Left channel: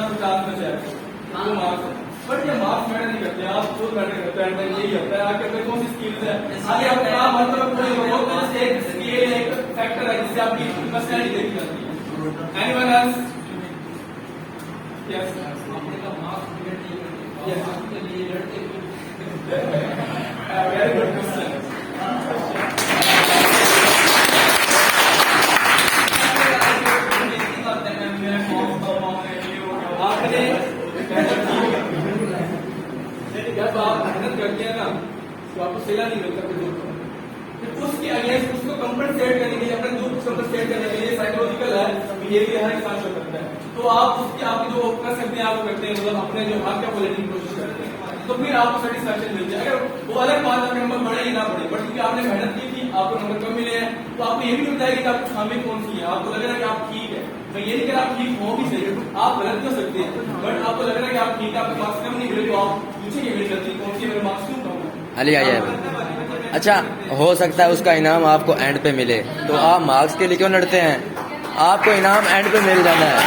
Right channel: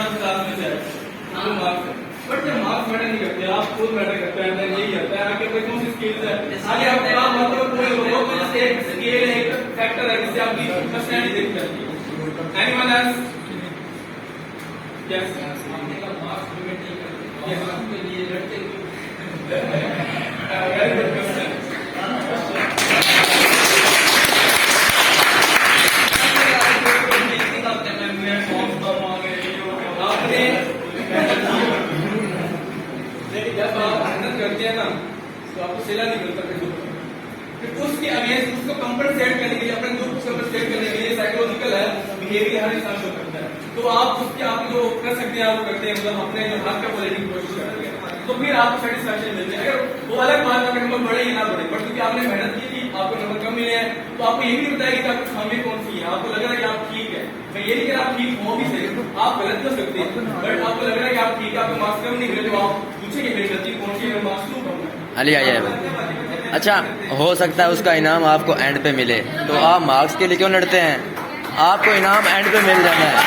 Exam class में जाए तो मार्क्स है, बट ये मार्क्स मैटर नहीं करते, आप खुद मैटर करते हैं, यही करता है आगे अपने कौन सी स्किल्स है, आगे अपने आप मतलब कोई बहुत एक स्केल है, एक फैक्टर है जिससे आपकी पर्सनैलिटी देखते हैं। Anyone else? यस, आपने का मार्क्स डिबेट नहीं करते, यस आपके लिए लड़ते वेरी गुड क्वेश्चन। जब आप मेहनत करते हैं ना तो आपको सिला नहीं मिलता, फिर उसके अगेंस्ट उसको कंपनसेट करने के लिए, अपने दुख को कंपनसेट करने के लिए साइकोलॉजिकल है, बिहेवियर हर इंसान को करता है, तो आप उसके आप जो कर सकते हैं आप करते हैं, मतलब अपने जो हाथ का बोलने की कोशिश करते हैं, तो फिर आपको सेटिस्फैक्शन मिलती है। अगर वो अलग बात है नंबर बढ़े या ना बढ़े, बट क्योंकि आपने मेहनत की थी, आपको नंबर कम मिले हैं, तो आपको ये भी नहीं बताया कि आपकी खामी कौन सी है, आपको लग रहा है कि आप ठीक है, मैं ये नहीं कह रहा आप ठीक हो भी सही, आप गलत कर सकते हैं, बट आपको लग रहा है कि आप ठीक है, आपको मार्क्स कम नहीं मिले, तो आप पूछे कि मेरी गलती कौन सी है, मेरे मार्क्स क्यों कम है। अली आ जाए। अच्छा, हो सकता है उसका इनाम आपको एंड पे मिले, तो आप मार्क्स के लिए क्यों लड़ते हैं? आपको इनाम एंड पे मिल जाना है।